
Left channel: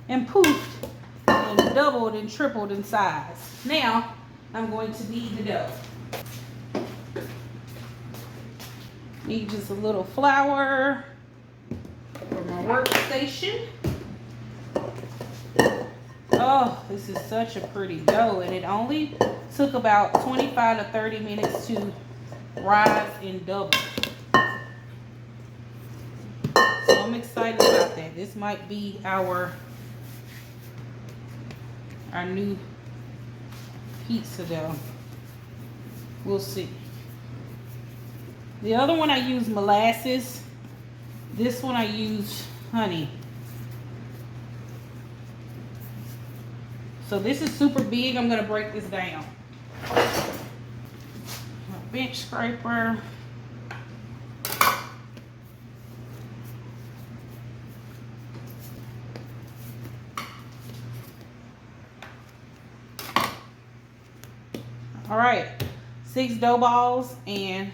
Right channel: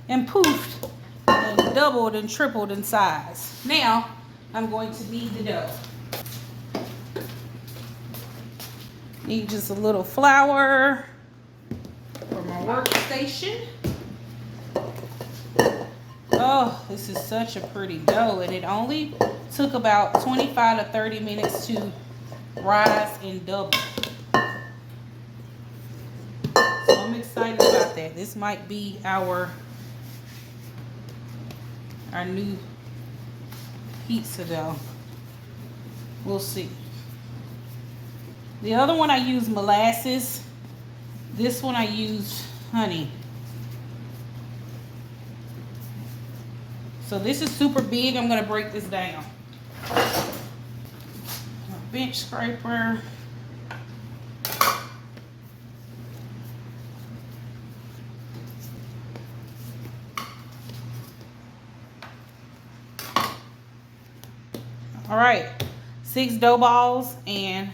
and poofed and doubled and tripled in size. Now, I'm going to knead the dough. Need just a little flour for my workstation. Oh, this is such a pretty dough, and it only took about 25 to 30 minutes to rise and double. So I'm excited about that. This might be our new pizza dough. We'll see. The other one I use molasses. This one I use honey. So this is super big. I'm gonna break this down. My bench scraper. 6 dough balls, and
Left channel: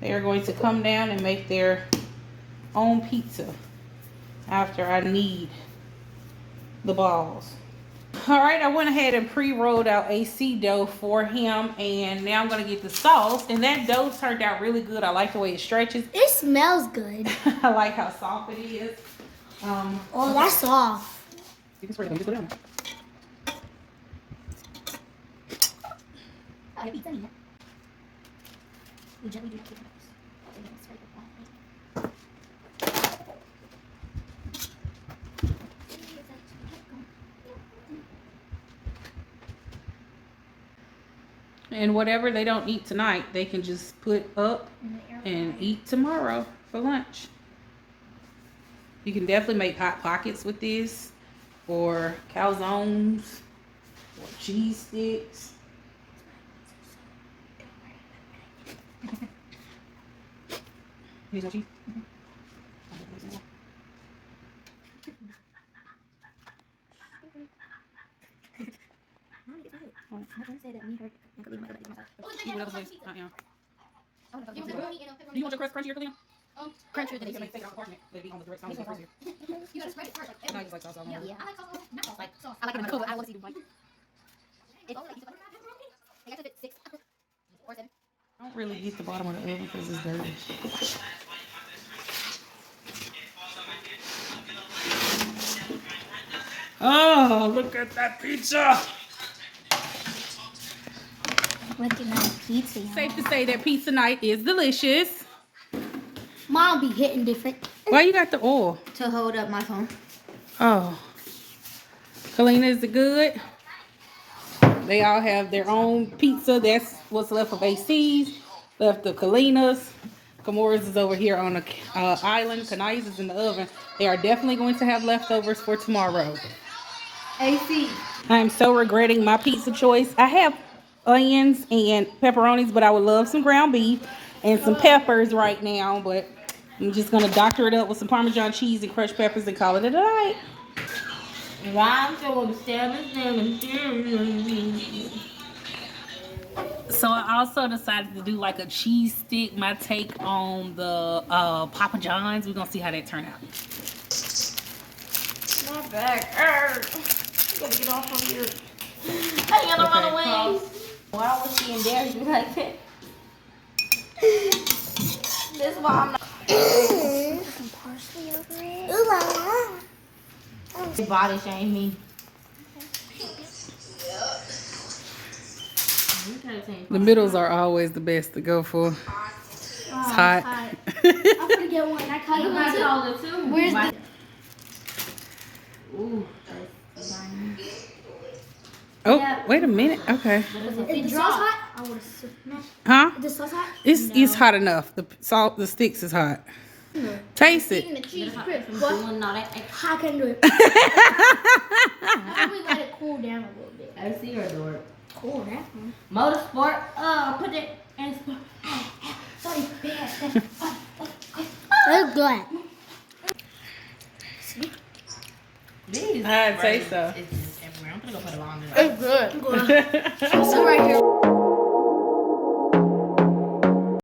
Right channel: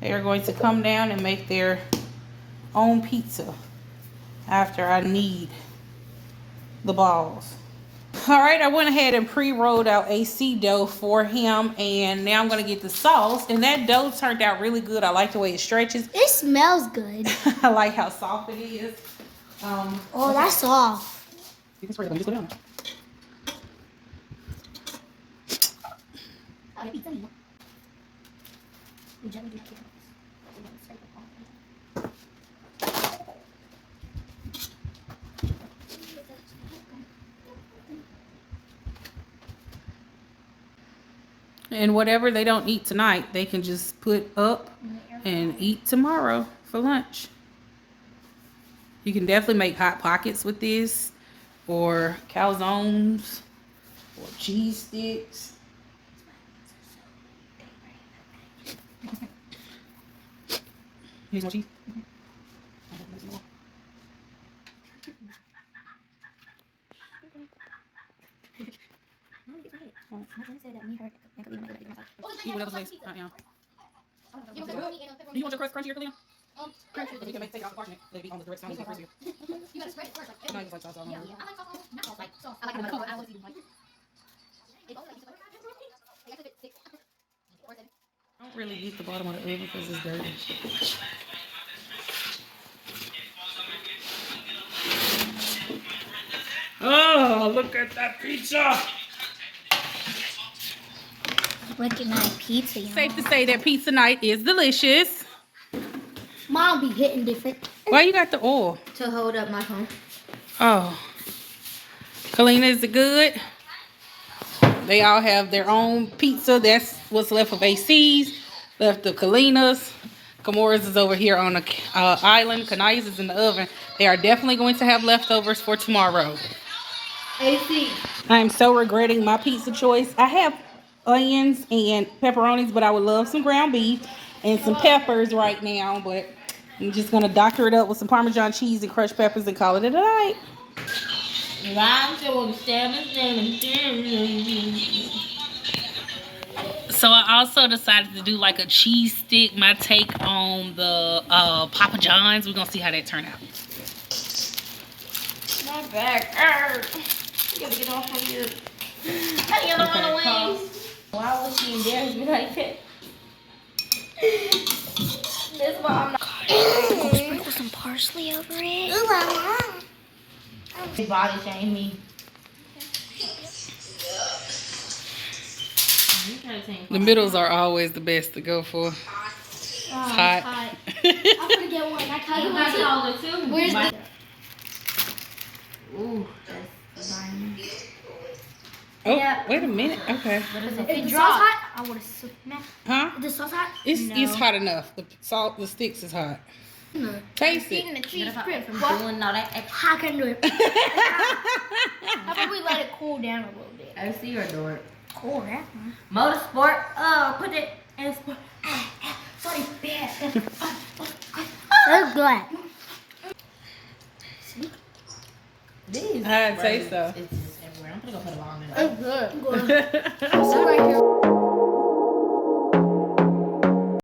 they are going to come down and make their own pizza after I knead the balls. All right, I went ahead and pre-rolled out AC dough for him, and now I'm gonna get the sauce. And that dough turned out really good. I like the way it stretches. It smells good. I like how soft it is. Oh, that's soft. You can spread it. Just put it on. And whatever they don't eat tonight, they can just put up and eat tomorrow for lunch. You can definitely make hot pockets with this, or calzones, or cheese sticks. Here's your cheese. You want your crust crunchier, Khalil? Crunchier than you can make take out the parchment. They'd be on the direct side. You gotta spread it first, right? No, you like sauce all over. Yeah, I like sauce. Not sauce, like sauce. I like how I was eating. It's only like I got to fit 6 or 7. I don't really eat the bottom of the oven because it's dirty. Oh, look at that pizza! Look at my pizza, y'all. Safe to say that pizza night is delicious. Mom be hitting different. Why you got the oil? To hold up my phone. Oh. Kalina, is it good? They all have their own pizza. That's what's left of AC's, left of Kalina's. Kamora's is over here on the island. Kanai's is in the oven. They are definitely going to have leftovers for tomorrow. AC. I'm so regretting my pizza choice. I have onions and pepperonis, but I would love some ground beef and some peppers right now. But I'm just going to doctor it up with some Parmesan cheese and crushed peppers and call it a night. So I also decided to do like a cheese stick, my take on the Papa John's. We're going to see how that turn out. My back hurts. You gotta get off of here. I got on the wings. Why was she embarrassed me like that? This mom. Sprinkle some parsley over it. Ooh, They body shame me. The middles are always the best to go for. It's hot. I'm gonna get one. I cut it I too. called it too. Where's the... Ooh, that's fine. Oh, Yeah. wait a minute. Okay. Is the sauce hot? I would have smacked. Huh? Is the sauce hot? It's hot enough. The salt, the sticks is hot. Taste it. Eating the cheese grip. What? What? No, that I can do it. How about we let it cool down a little bit? I see her do it. Cool down. Motorsport. Put it in sport. Sorry, bad. That's good. See? These. I'd say so. It's just everywhere. I'm gonna go put it on there. It's good. Good. I'm still right here.